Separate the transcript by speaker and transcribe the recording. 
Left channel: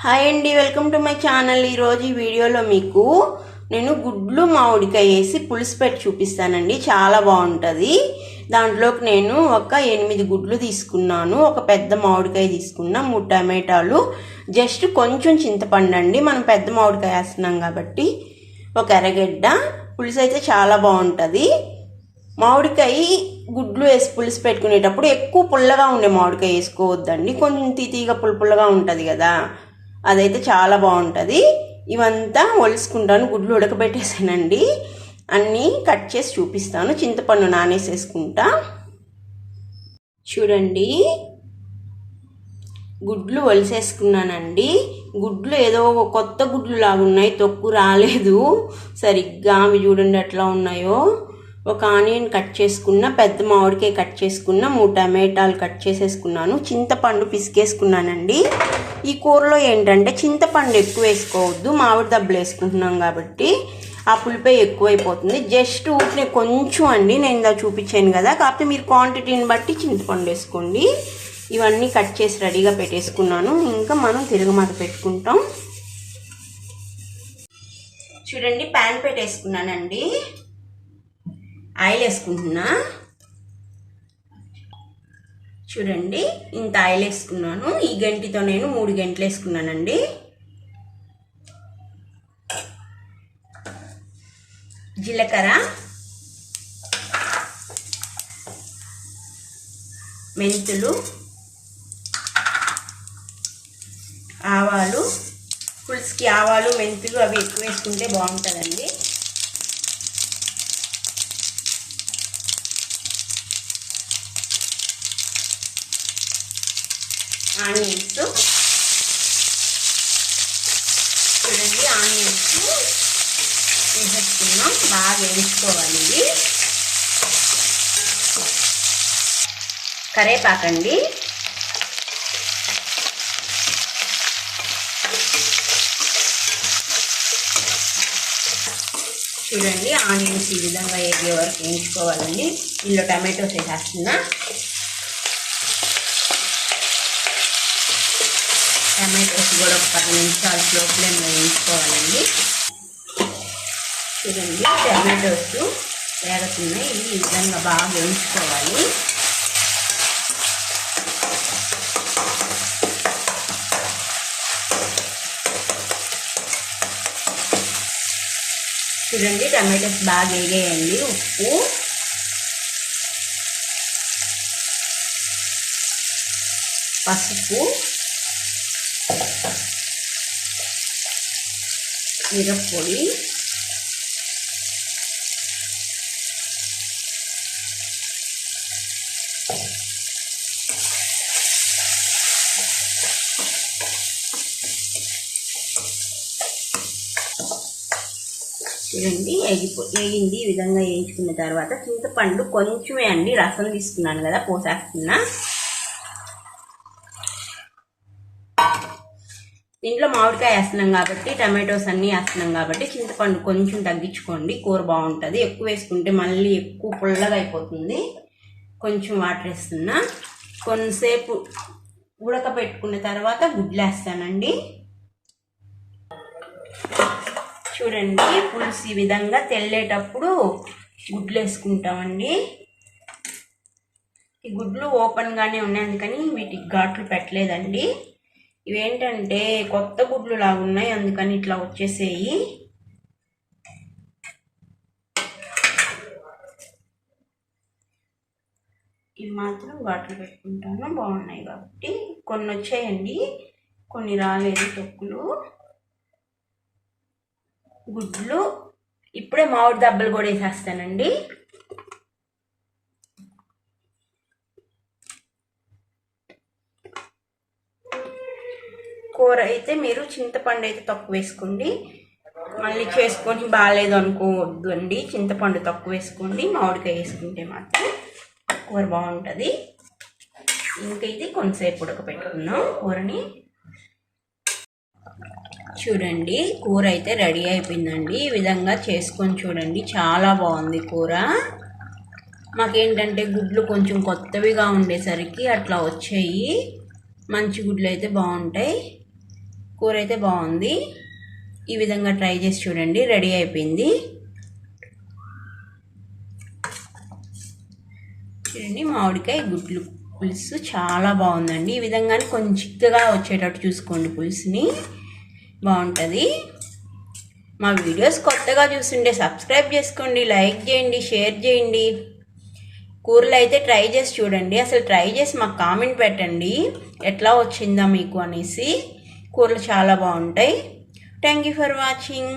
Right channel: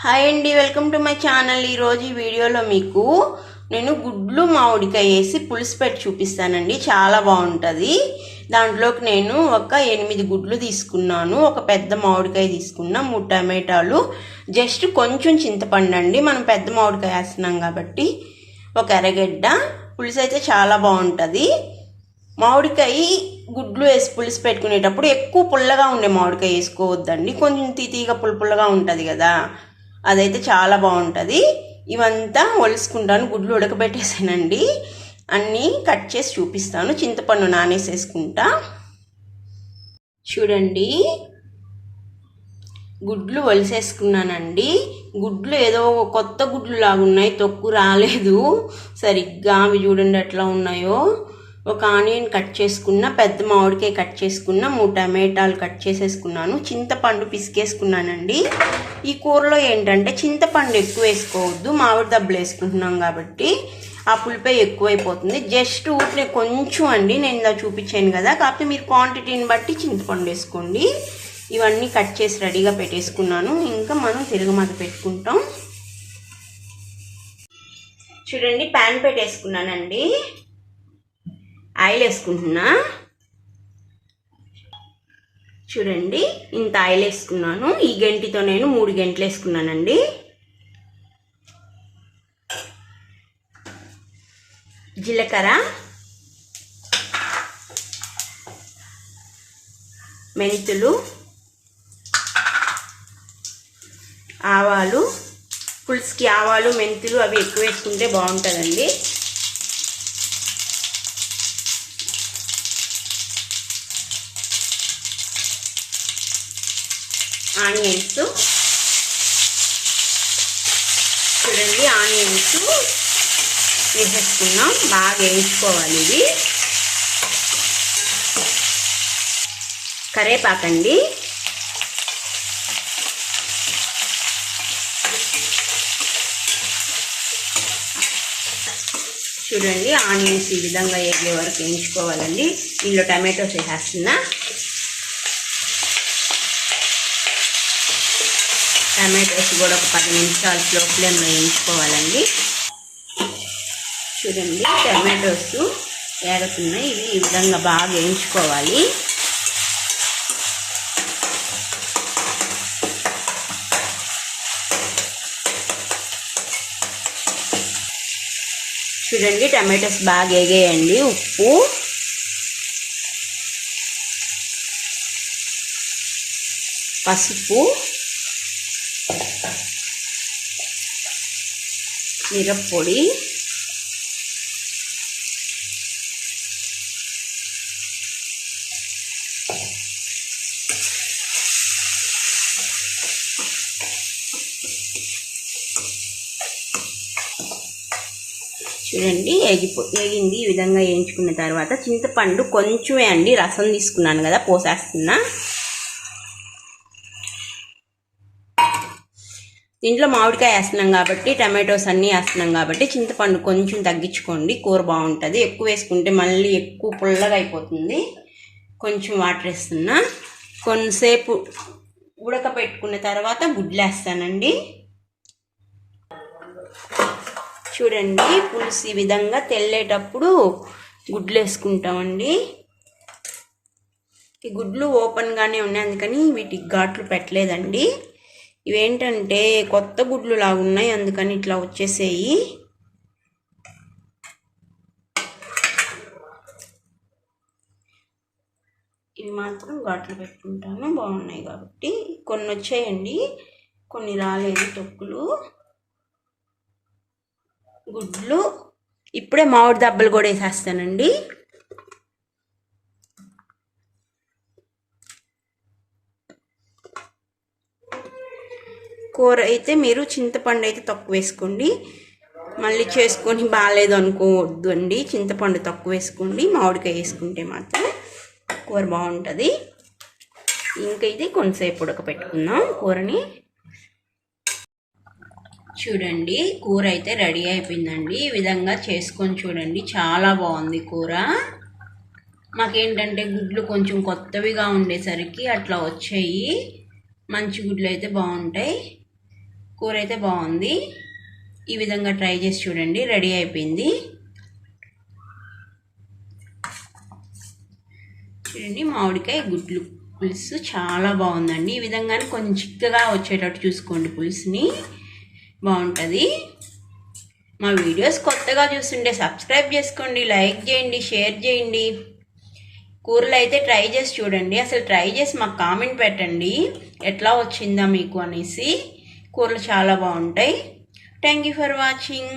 Speaker 1: Hi అండి welcome to my channel. ఈరోజు ఈ వీడియోలో మీకు నేను గుడ్లు మామిడికాయ వేసి పులుసు పెట్టి చూపిస్తానండి. చాలా బాగుంటుంది. దాంట్లోకి నేను ఒక ఎనిమిది గుడ్లు తీసుకున్నాను. ఒక పెద్ద మామిడికాయ తీసుకున్నా మూడు టమాటాలు. జస్ట్ కొంచెం చింతపండు అండి. మనం పెద్ద మామిడికాయ వేస్తున్నాం కాబట్టి ఒక ఎర్రగడ్డ. పులుసు అయితే చాలా బాగుంటుంది. మామిడికాయ గుడ్లు వేసి పులుసు పెట్టుకునేటప్పుడు ఎక్కువ పుల్లగా ఉండే మామిడికాయ వేసుకోవద్దండి. కొంచెం తీతీగా పుల్ పుల్లగా ఉంటుంది కదా. అదైతే చాలా బాగుంటుంది. ఇవంతా ఒలుసుకుంటాను గుడ్లు ఉడకబెట్టేసానండి. అన్నీ కట్ చేసి చూపిస్తాను. చింతపండు నానేసేసుకుంటా. చూడండి. గుడ్లు ఒలిసేసుకున్నానండి. గుడ్లు ఏదో కొత్త గుడ్లు లాగా ఉన్నాయి తొక్కు రాలేదు. సరిగ్గా అవి చూడండి ఎట్లా ఉన్నాయో. ఒక ఆనియన్ కట్ చేసుకున్న పెద్ద మామిడికాయ కట్ చేసుకున్న మూడు టమాటాలు కట్ చేసేసుకున్నాను. చింతపండు పిసికేసుకున్నానండి. ఈ కూరలో ఏంటంటే చింతపండు ఎక్కువ వేసుకోవద్దు. మామిడి దెబ్బలు వేసుకుంటున్నాం కాబట్టి ఆ పులిపై ఎక్కువైపోతుంది. జస్ట్ ఊటిని కొంచెం అండి. నేను ఇలా చూపించాను కదా. కాకపోతే మీరు క్వాంటిటీని బట్టి చింతపండు వేసుకోండి. ఇవన్నీ కట్ చేసి రెడీగా పెట్టేసుకున్నాను. ఇంకా మనం తిరగమాత పెట్టుకుంటాం. చూడండి ప్యాన్ పెట్టేసుకున్నానండి. ఆయిల్ వేసుకుంటున్నా. చూడండి ఇంత ఆయిల్ వేసుకున్నాను. ఈ గంటితో నేను మూడు గంటలు వేసుకున్నానండి. జీలకర్ర. మెంతులు. ఆవాలు. పులుసుకి ఆవాలు మెంతులు అవి ఎక్కువ వేసుకుంటే బాగుంటుందండి. ఆనియన్స్. చూడండి ఆనియన్స్ వేసేసుకున్నాం బాగా వేయించుకోవాలి ఇది కరేపాకండి చూడండి ఆనియన్స్ ఈ విధంగా వేగే వరకు వేయించుకోవాలండి. ఇందులో టమాటోస్ వేసేస్తున్నా. టమాటోస్ కూడా ఒక పది నిమిషాలు స్లో ఫ్లేమ్లో వేయించుకోవాలండి చూడండి టమాటోస్ ఏరుతున్నాయి. ఇవి ఈ విధంగా బాగా వేయించుకోవాలి. చూడండి టమాటోస్ బాగా వేగేయండి. ఉప్పు. పసుపు. మిరప్పొడి. చూడండి ఎగిపో ఎగింది ఈ విధంగా వేయించుకున్న తర్వాత చింతపండు కొంచెమే అండి రసం తీసుకున్నాను కదా పోసేస్తున్నా. దీంట్లో మామిడికాయ వేస్తున్నాం కాబట్టి టమాటోస్ అన్నీ వేస్తున్నాం కాబట్టి చింతపండు కొంచెం తగ్గించుకోండి. కూర బాగుంటుంది. ఎక్కువ వేసుకుంటే మళ్ళీ ఎక్కువ పుల్లగా అయిపోతుంది. కొంచెం వాటర్ వేస్తున్నా. కొంతసేపు ఉడకబెట్టుకున్న తర్వాత గుడ్లు వేస్తానండి. చూడండి పులుసు ఈ విధంగా తెల్లేటప్పుడు గుడ్లు వేసుకుంటామండి. ఈ గుడ్లు ఓపెన్గానే ఉన్నాయి అందుకని వీటికి ఘాట్లు పెట్టలేదండి. ఇవేంటంటే కొత్త గుడ్లు లాగా ఉన్నాయి అందుకని ఇట్లా వచ్చేసేయి. ఇవి మాత్రం ఘాట్లు పెట్టుకుంటాను బాగున్నాయి కాబట్టి. కొన్ని వచ్చాయండి కొన్ని రాలేదు తొక్కులు. గుడ్లు ఇప్పుడే మామిడి దెబ్బలు కూడా వేసేస్తానండి. కూర అయితే మీరు చింతపండు అయితే తక్కువ వేసుకోండి. మళ్ళీ చేసుకొని బాగాలేదు అనుకోవద్దు అండి చింతపండు తక్కువ వేసుకోండి. మామిడికాయ వేసుకుంటే మాత్రం కూర బాగుంటుంది. ఇంకైతే కొంతసేపు ఉడకపెట్టుకుందాం కూరని. చూడండి కూర అయితే రెడీ అయిపోయిందండి. ఈ విధంగా చేసుకొని చూడండి. చాలా బాగుంది కూర. మాకేంటంటే గుడ్లు కొంచెం కొత్తవిగా ఉండేసరికి అట్లా వచ్చాయి. మంచి గుడ్లు అయితే బాగుంటాయి. కూర అయితే బాగుంది. ఈ విధంగా ట్రై చేసి చూడండి. రెడీ అయిపోయింది. చూడండి మామిడికాయ గుడ్లు పులుసు చాలా బాగుందండి. ఈ విధంగానే కొంచెం చిక్కగా వచ్చేటట్టు చూసుకోండి పులుసుని. బాగుంటుంది. మా వీడియోస్ కొత్తగా చూస్తుంటే సబ్స్క్రైబ్ చేసుకోండి లైక్ చేయండి షేర్ చేయండి. కూరలు అయితే ట్రై చేసి చూడండి. అసలు ట్రై చేసి మాకు కామెంట్ పెట్టండి. ఎట్లా వచ్చిందా మీకు అనేసి. కూరలు చాలా బాగుంటాయి. Thank you for watching